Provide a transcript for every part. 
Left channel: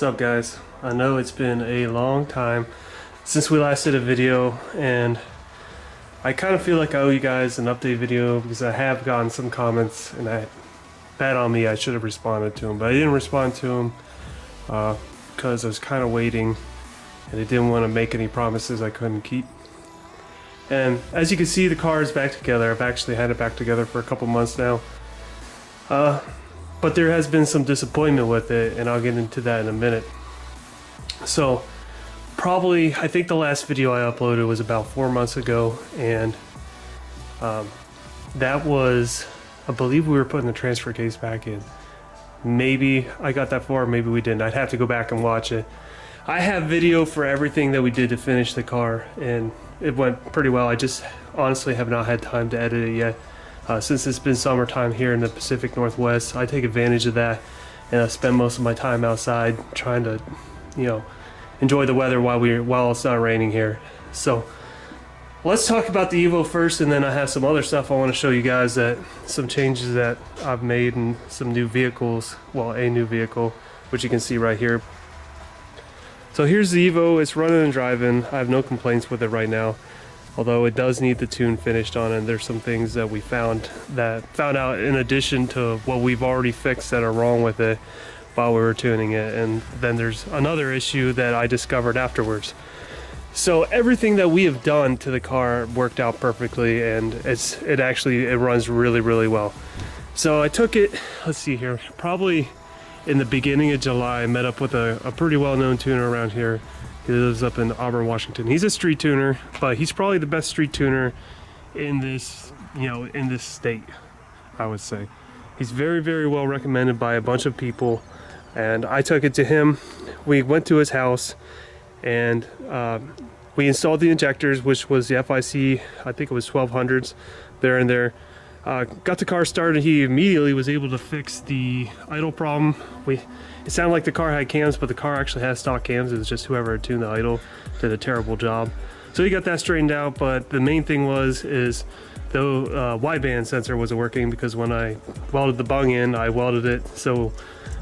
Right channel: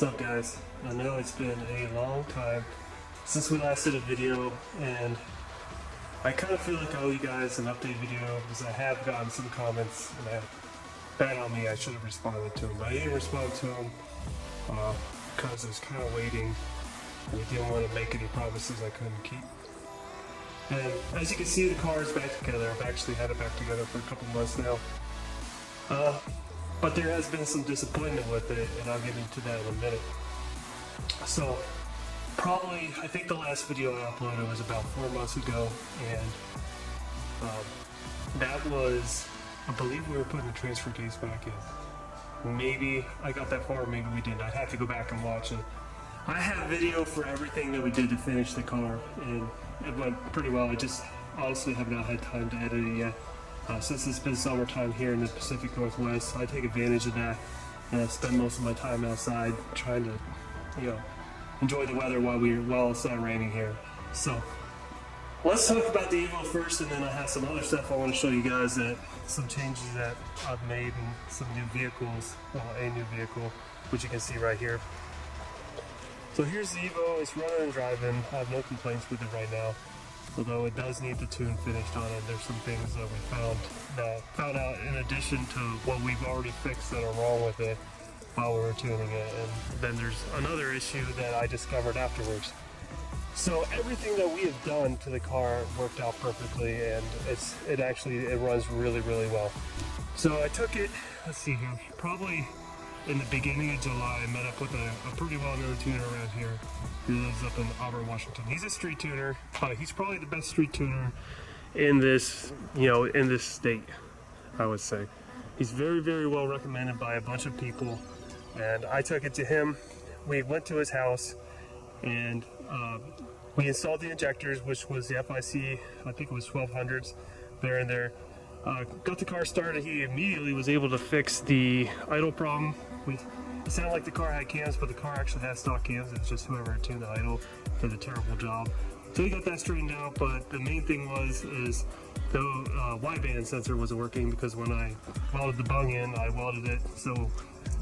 What's up, guys? I know it's been a long time since we last did a video, and I kind of feel like I owe you guys an update video because I have gotten some comments, and bad on me, I should have responded to them, but I didn't respond to them because I was kind of waiting and I didn't want to make any promises I couldn't keep. And as you can see, the car is back together. I've actually had it back together for a couple months now. But there has been some disappointment with it, and I'll get into that in a minute. So, I think the last video I uploaded was about 4 months ago, and that was, I believe we were putting the transfer case back in. Maybe I got that far, maybe we didn't. I'd have to go back and watch it. I have video for everything that we did to finish the car, and it went pretty well. I just honestly have not had time to edit it yet. Since it's been summertime here in the Pacific Northwest, I take advantage of that, and I spend most of my time outside trying to, enjoy the weather while it's not raining here. So let's talk about the Evo first, and then I have some other stuff I want to show you guys, some changes that I've made and some new vehicles. Well, a new vehicle, which you can see right here. So here's the Evo. It's running and driving. I have no complaints with it right now, although it does need the tune finished on it. There's some things that we found out in addition to what we've already fixed that are wrong with it while we were tuning it, and then there's another issue that I discovered afterwards. So everything that we have done to the car worked out perfectly, and it runs really, really well. So I took it, let's see here, probably in the beginning of July. I met up with a pretty well-known tuner around here. He lives up in Auburn, Washington. He's a street tuner, but he's probably the best street tuner in this, in this state, I would say. He's very, very well recommended by a bunch of people, and I took it to him. We went to his house, and we installed the injectors, which was the FIC, I think it was 1200s, there and there. Got the car started. He immediately was able to fix the idle problem. It sounded like the car had cams, but the car actually has stock cams. It was just whoever had tuned the idle did a terrible job. So he got that straightened out, but the main thing is the wideband sensor wasn't working, because when I welded the bung in, I welded it so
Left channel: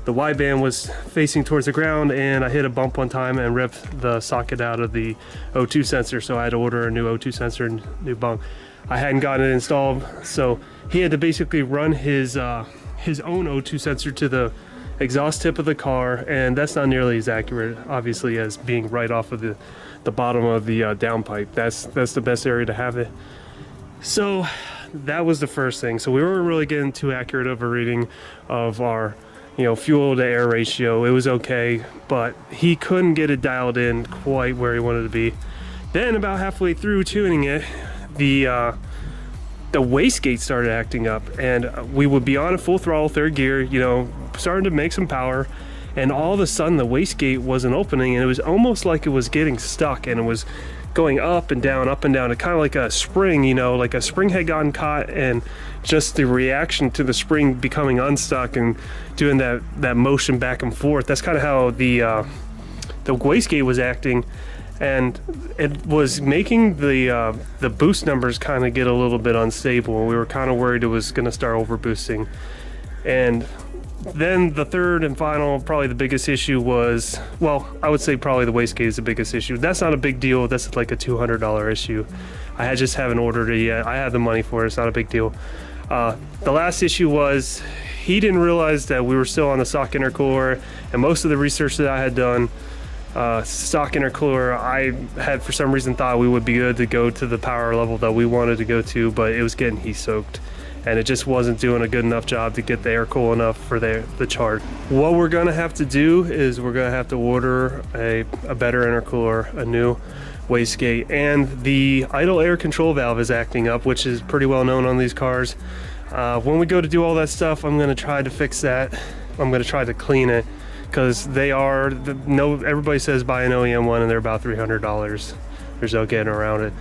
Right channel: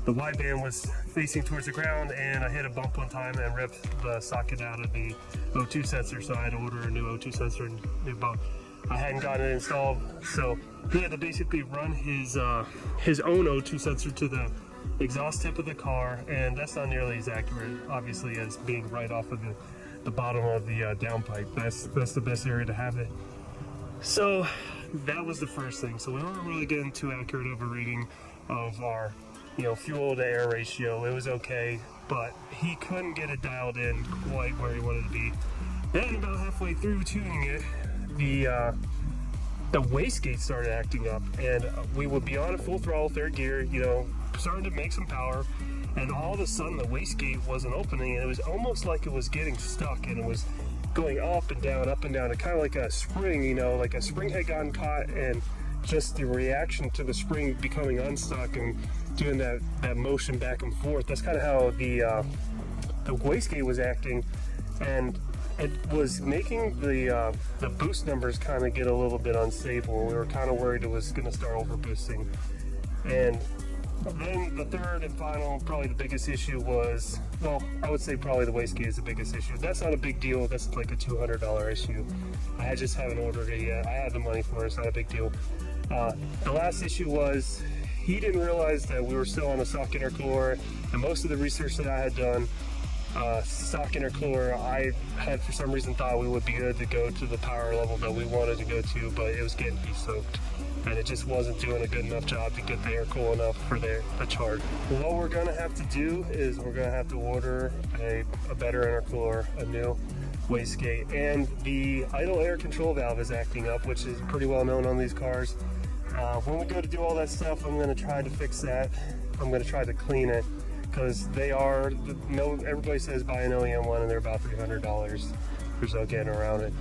the wideband was facing towards the ground, and I hit a bump one time and ripped the socket out of the O2 sensor, so I had to order a new O2 sensor and new bung. I hadn't gotten it installed, so he had to basically run his own O2 sensor to the exhaust tip of the car, and that's not nearly as accurate, obviously, as being right off of the bottom of the downpipe. That's the best area to have it. So that was the first thing. So we weren't really getting too accurate of a reading of our fuel to air ratio. It was okay, but he couldn't get it dialed in quite where he wanted to be. Then about halfway through tuning it, the wastegate started acting up, and we would be on a full throttle third gear, starting to make some power, and all of a sudden the wastegate wasn't opening, and it was almost like it was getting stuck, and it was going up and down, and kind of like a spring, like a spring had gotten caught, and just the reaction to the spring becoming unstuck and doing that motion back and forth. That's kind of how the wastegate was acting, and it was making the boost numbers kind of get a little bit unstable. We were kind of worried it was going to start over boosting. And then the third and final, probably the biggest issue was, well, I would say probably the wastegate is the biggest issue. That's not a big deal. That's like a $200 issue. I just haven't ordered it yet. I have the money for it. It's not a big deal. The last issue was he didn't realize that we were still on the stock intercooler, and most of the research that I had done, stock intercooler, I had for some reason thought we would be good to go to the power level that we wanted to go to, but it was getting heat soaked, and it just wasn't doing a good enough job to get the air cool enough for the charge. What we're gonna have to do is we're gonna have to order a better intercooler, a new wastegate, and the idle air control valve is acting up, which is pretty well known on these cars. When we go to do all that stuff, I'm gonna try to fix that. I'm gonna try to clean it, because everybody says buy an OEM one, and they're about $300. There's no getting around it.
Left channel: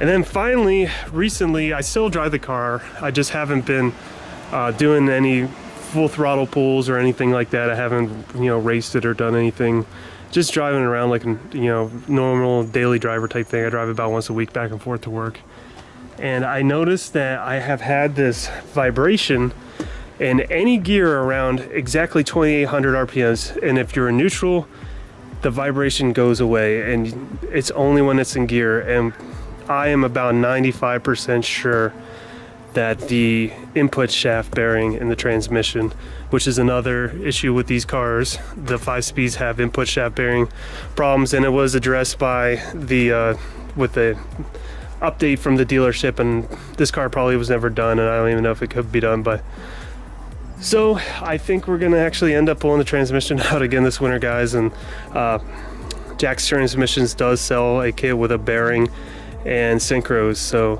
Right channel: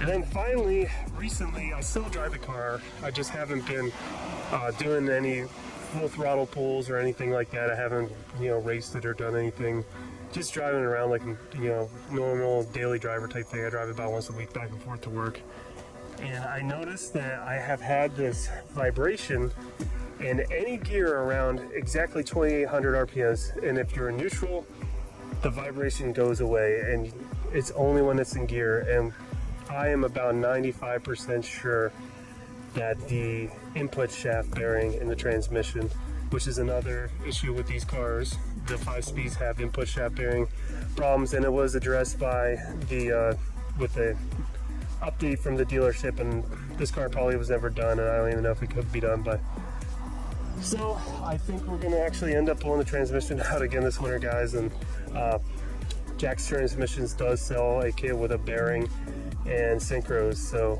And then finally, recently, I still drive the car. I just haven't been doing any full throttle pulls or anything like that. I haven't, raced it or done anything. Just driving around like a, normal daily driver type thing. I drive about once a week back and forth to work. And I noticed that I have had this vibration and any gear around exactly 2800 RPMs. And if you're in neutral, the vibration goes away, and it's only when it's in gear. And I am about 95% sure that the input shaft bearing in the transmission, which is another issue with these cars, the 5-speeds have input shaft bearing problems, and it was addressed by the with the update from the dealership, and this car probably was never done, and I don't even know if it could be done. But so I think we're gonna actually end up pulling the transmission out again this winter, guys. And Jack's Transmissions does sell a kit with a bearing and synchros. So,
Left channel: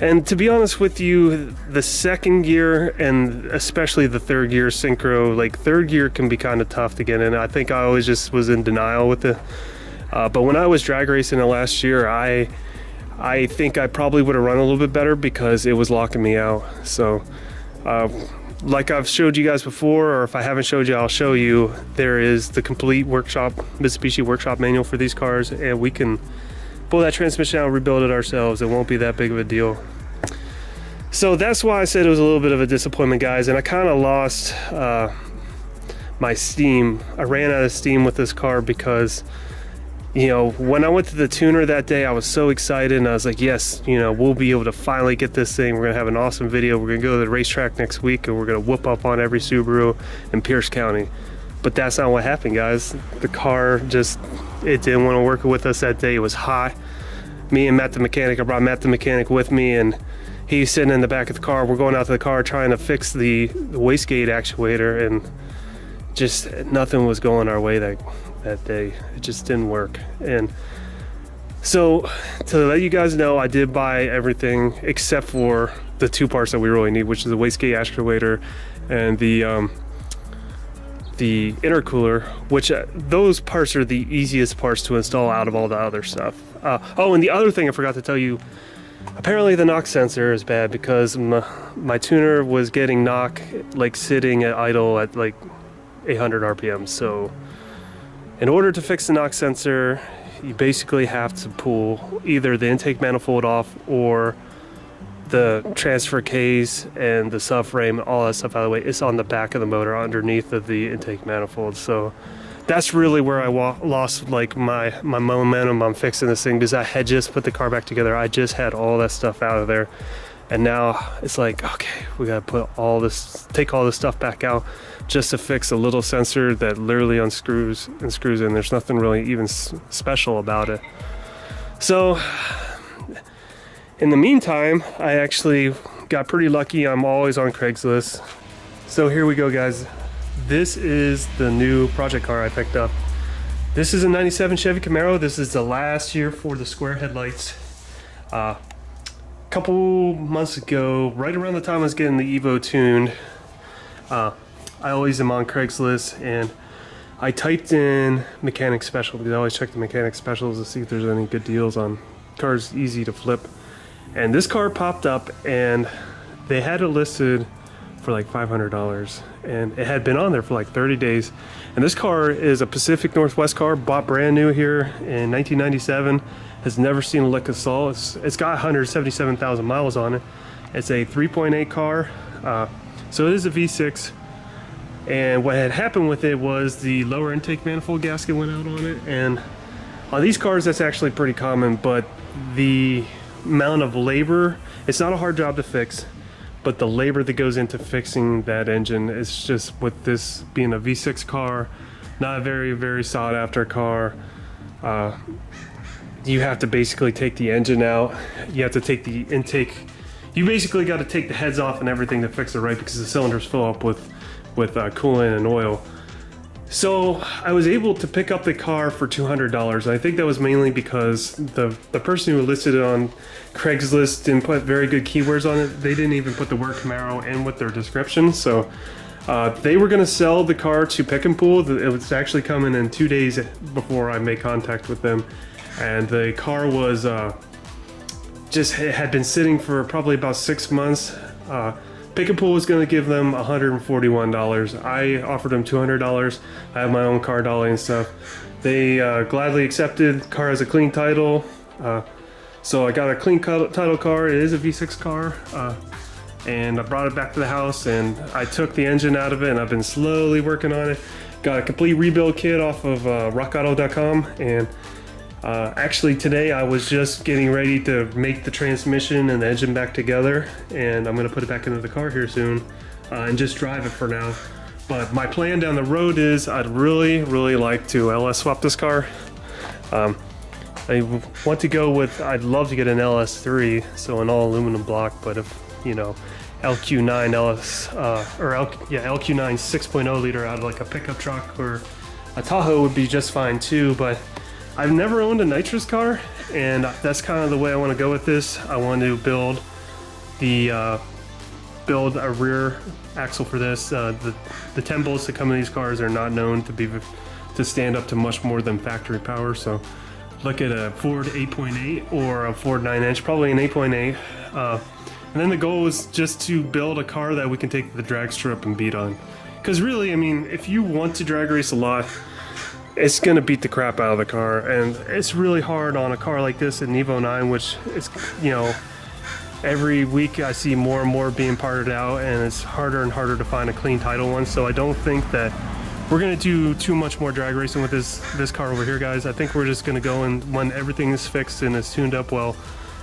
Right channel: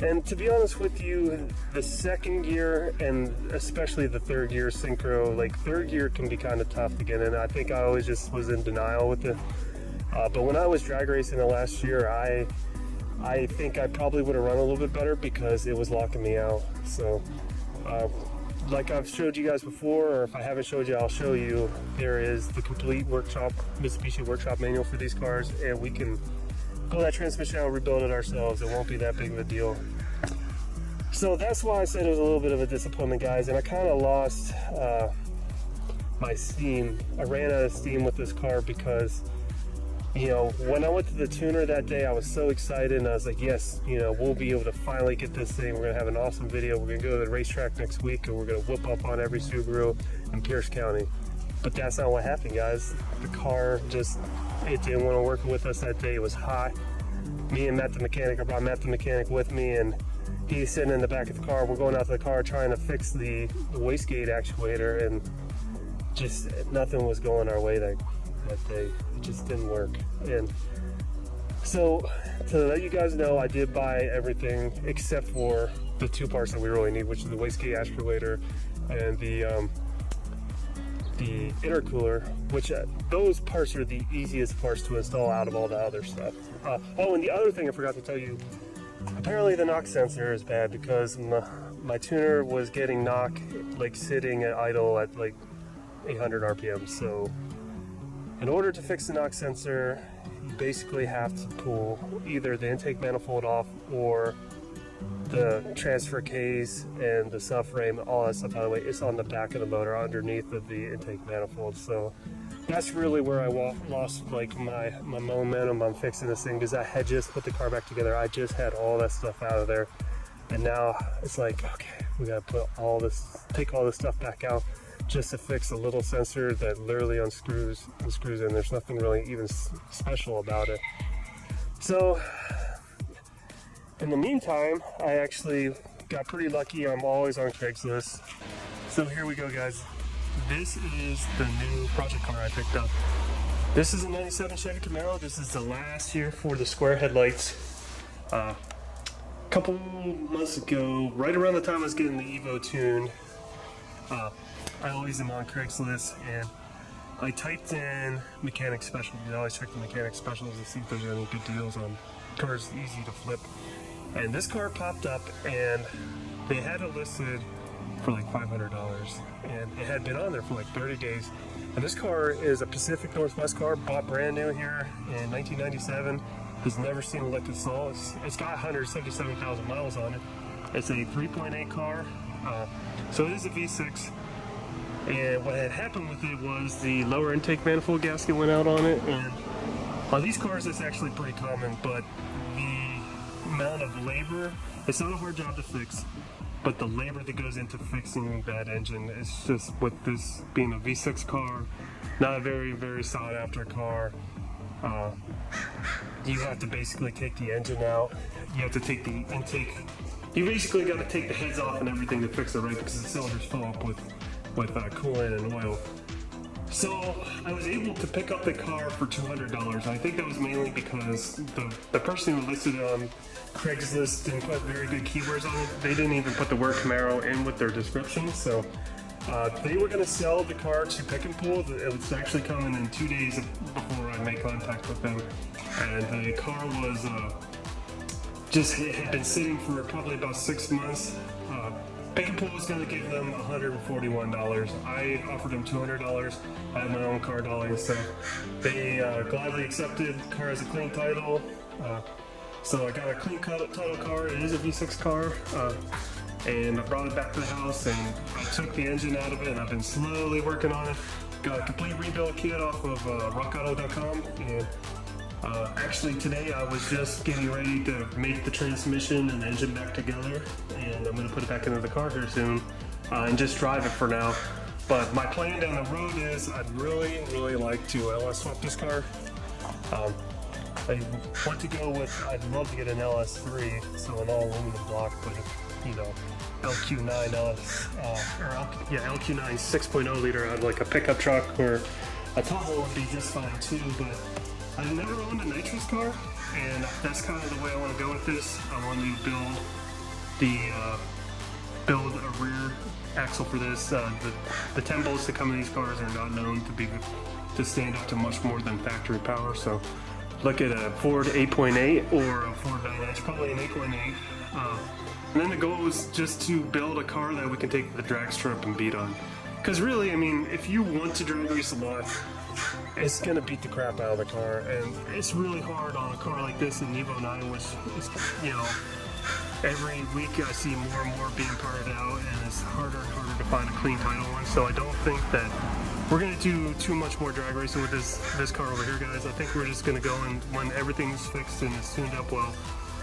and to be honest with you, the second gear and especially the third gear synchro, like third gear can be kind of tough to get in. I think I always just was in denial with it. But when I was drag racing it last year, I think I probably would have run a little bit better because it was locking me out. So like I've showed you guys before, or if I haven't showed you, I'll show you. There is the complete workshop, Mitsubishi workshop manual for these cars, and we can pull that transmission out and rebuild it ourselves. It won't be that big of a deal. So that's why I said it was a little bit of a disappointment, guys. And I kind of lost my steam. I ran out of steam with this car because, you know, when I went to the tuner that day, I was so excited, and I was like, yes, you know, we'll be able to finally get this thing. We're gonna have an awesome video. We're gonna go to the racetrack next week, and we're gonna whoop up on every Subaru in Pierce County. But that's not what happened, guys. The car just, it didn't want to work with us that day. It was hot. Me and Matt the mechanic, I brought Matt the mechanic with me, and he's sitting in the back of the car. We're going out to the car trying to fix the wastegate actuator, and just nothing was going our way that day. It just didn't work. And so to let you guys know, I did buy everything except for the two parts that we really need, which is the wastegate actuator and the intercooler, which those parts are the easiest parts to install out of all the other stuff. Oh, and the other thing I forgot to tell you, apparently the knock sensor is bad because my tuner was getting knock like sitting at idle at like 800 RPM. So in order to fix the knock sensor, you basically have to pull either the intake manifold off or the transfer case and the subframe, all that stuff out of the way. It's on the back of the motor underneath of the intake manifold. So that's really where I lost like my momentum on fixing this thing, because I had just put the car back together. I just had all that stuff out of there, and now it's like, okay, we gotta put all this, take all this stuff back out just to fix a little sensor that literally unscrews and screws in. There's nothing really even special about it. So in the meantime, I actually got pretty lucky. I'm always on Craigslist. So here we go, guys. This is the new project car I picked up. This is a 97 Chevy Camaro. This is the last year for the square headlights. A couple months ago, right around the time I was getting the Evo tuned, I always am on Craigslist, and I typed in mechanic special because I always check the mechanic specials to see if there's any good deals on cars easy to flip. And this car popped up, and they had it listed for like $500, and it had been on there for like 30 days. And this car is a Pacific Northwest car, bought brand new here in 1997, has never seen a lick of salt. It's got 177,000 miles on it. It's a 3.8 car, so it is a V6. And what had happened with it was the lower intake manifold gasket went out on it, and on these cars that's actually pretty common, but the amount of labor, it's not a hard job to fix, but the labor that goes into fixing that engine is just, with this being a V6 car, not a very, very sought after car. You have to basically take the engine out, you have to take the intake, you basically got to take the heads off and everything to fix it right, because the cylinders fill up with coolant and oil. So I was able to pick up the car for $200, and I think that was mainly because the person who listed it on Craigslist didn't put very good keywords on it. They didn't even put the word Camaro in with their description. So they were going to sell the car to Pick and Pull. It was actually coming in 2 days before I made contact with them, and the car was it had been sitting for probably about 6 months. Pick and Pull was going to give them $141. I offered them $200. I have my own car dolly and stuff. They gladly accepted. Car has a clean title. So I got a clean title car. It is a V6 car. and I brought it back to the house and I took the engine out of it and I've been slowly working on it. Got a complete rebuild kit off of rockauto.com, and actually today I was just getting ready to make the transmission and the engine back together, and I'm gonna put it back into the car here soon and just drive it for now. But my plan down the road is I'd really like to LS swap this car. I want to go with, I'd love to get an LS3, so an all aluminum block, but if, you know, LQ9 LQ9 6.0 liter out of like a pickup truck or a Tahoe would be just fine too. But I've never owned a nitrous car, and that's kind of the way I want to go with this. I want to build a rear axle for this. The 10 bolts that come in these cars are not known to stand up to much more than factory power, so look at a Ford 8.8 or a Ford 9-inch, probably an 8.8. And then the goal is just to build a car that we can take to the drag strip and beat on. Because really, I mean, if you want to drag race a lot, it's gonna beat the crap out of the car. And it's really hard on a car like this, an Evo 9, which is, you know, every week I see more and more being parted out, and it's harder and harder to find a clean title one. So I don't think that we're gonna do too much more drag racing with this car over here, guys. I think we're just gonna go, and when everything is fixed and is tuned up well,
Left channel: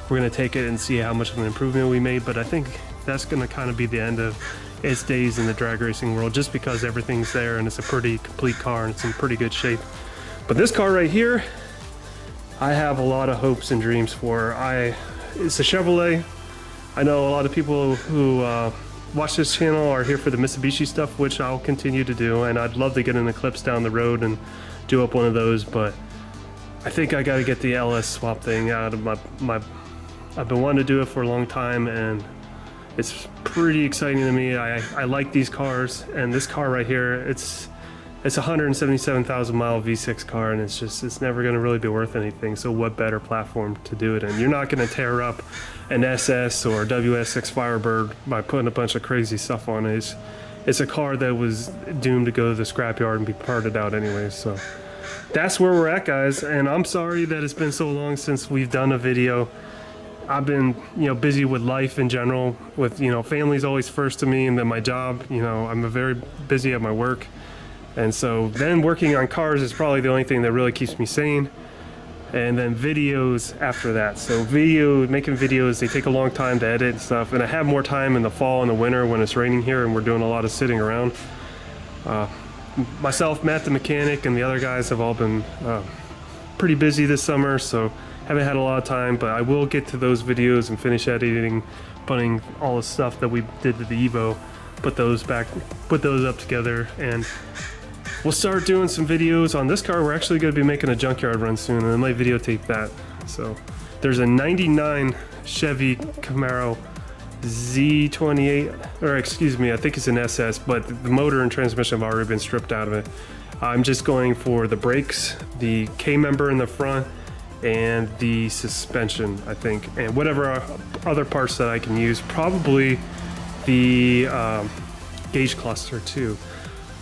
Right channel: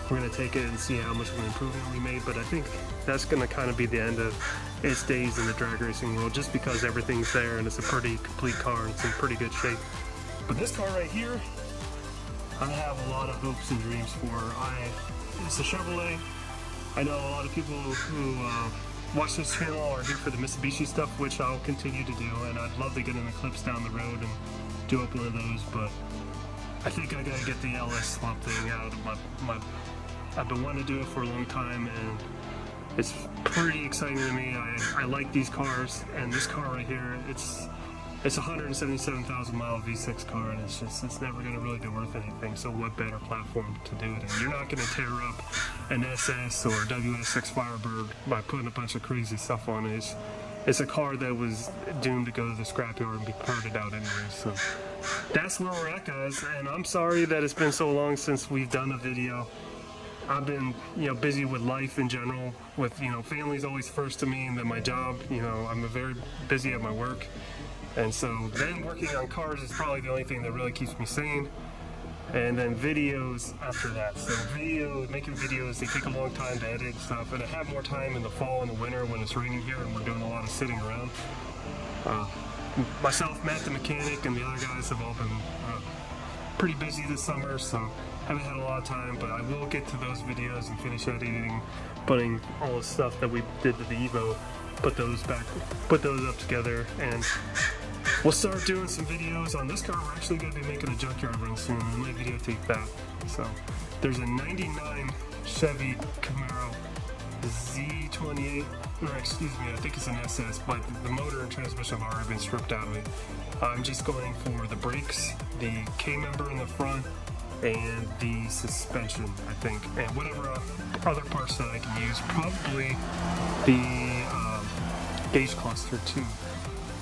we're gonna take it and see how much of an improvement we made. But I think that's gonna kind of be the end of its days in the drag racing world, just because everything's there and it's a pretty complete car and it's in pretty good shape. But this car right here, I have a lot of hopes and dreams for. It's a Chevrolet. I know a lot of people who watch this channel are here for the Mitsubishi stuff, which I'll continue to do, and I'd love to get an Eclipse down the road and do up one of those, but I think I gotta get the LS swap thing out of my I've been wanting to do it for a long time, and it's pretty exciting to me. I like these cars, and this car right here, it's a 177,000 mile V6 car, and it's never going to really be worth anything. So what better platform to do it in? You're not going to tear up an SS or WS6 Firebird by putting a bunch of crazy stuff on it. It's a car that was doomed to go to the scrapyard and be parted out anyway. So that's where we're at, guys. And I'm sorry that it's been so long since we've done a video. I've been, you know, busy with life in general, with, you know, family's always first to me, and then my job, you know, I'm very busy at my work. And so then working on cars is probably the only thing that really keeps me sane. And then videos after that. So making videos, they take a long time to edit and stuff. And I have more time in the fall and the winter when it's raining here and we're doing a lot of sitting around. Myself, Matt the mechanic, and the other guys have all been pretty busy this summer, so haven't had a lot of time, but I will get to those videos and finish editing, putting all the stuff that we did to the Evo, put those up together, and we'll start doing some videos on this car. We're actually going to be making a junkyard run soon, and I might videotape that. So there's a 99 Chevy Camaro Z28, or excuse me, I think it's an SS, but the motor and transmission have already been stripped out of it. I'm just going for the brakes, the K-member in the front, and the suspension, I think, and whatever other parts that I can use. Probably the gauge cluster too.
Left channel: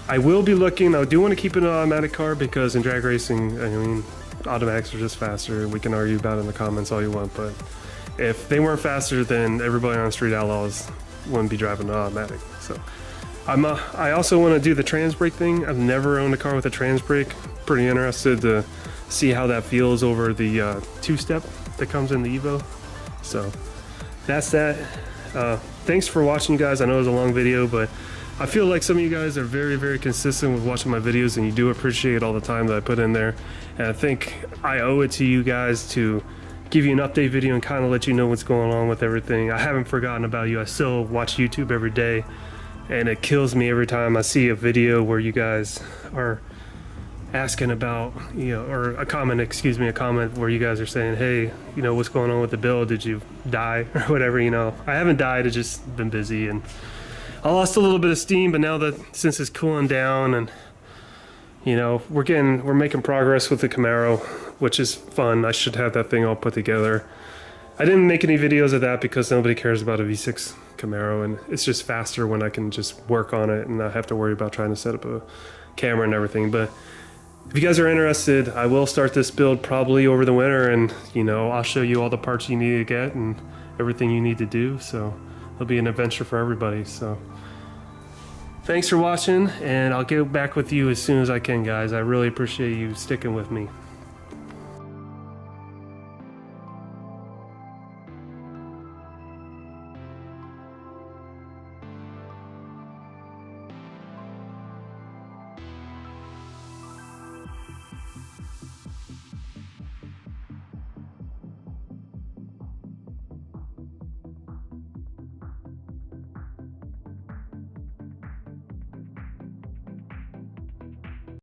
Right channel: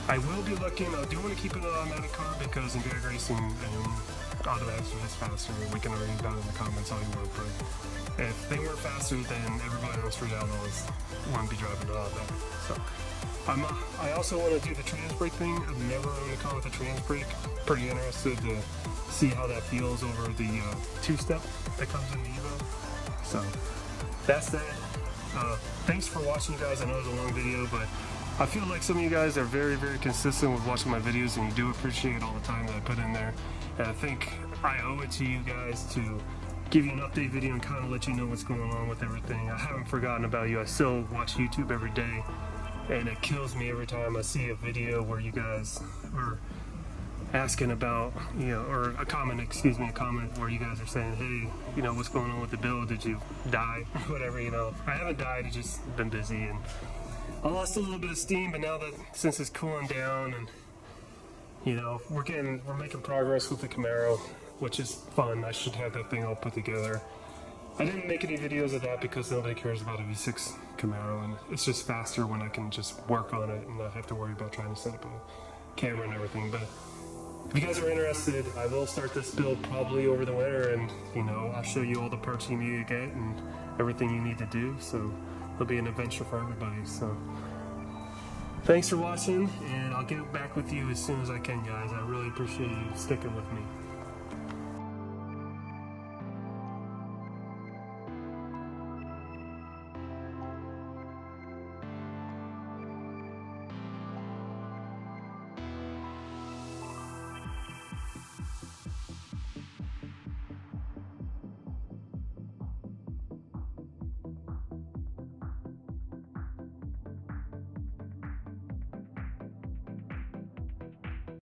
I will be looking, I do want to keep it an automatic car, because in drag racing, I mean, automatics are just faster. We can argue about it in the comments all you want, but if they weren't faster, then everybody on Street Outlaws wouldn't be driving an automatic. So I also want to do the trans brake thing. I've never owned a car with a trans brake. Pretty interested to see how that feels over the two-step that comes in the Evo. So that's that. Thanks for watching, guys. I know it was a long video, but I feel like some of you guys are very consistent with watching my videos, and you do appreciate all the time that I put in there. And I think I owe it to you guys to give you an update video and kind of let you know what's going on with everything. I haven't forgotten about you. I still watch YouTube every day, and it kills me every time I see a video where you guys are asking about, you know, or a comment where you guys are saying, hey, you know, what's going on with the build? Did you die or whatever? You know, I haven't died. I've just been busy, and I lost a little bit of steam, but now that since it's cooling down, and you know, we're making progress with the Camaro, which is fun. I should have that thing all put together. I didn't make any videos of that because nobody cares about a V6 Camaro, and it's just faster when I can just work on it and not have to worry about trying to set up a camera and everything. But if you guys are interested, I will start this build probably over the winter, and you know, I'll show you all the parts you need to get and everything you need to do. So it'll be an adventure for everybody. So thanks for watching, and I'll get back with you as soon as I can, guys. I really appreciate you sticking with me.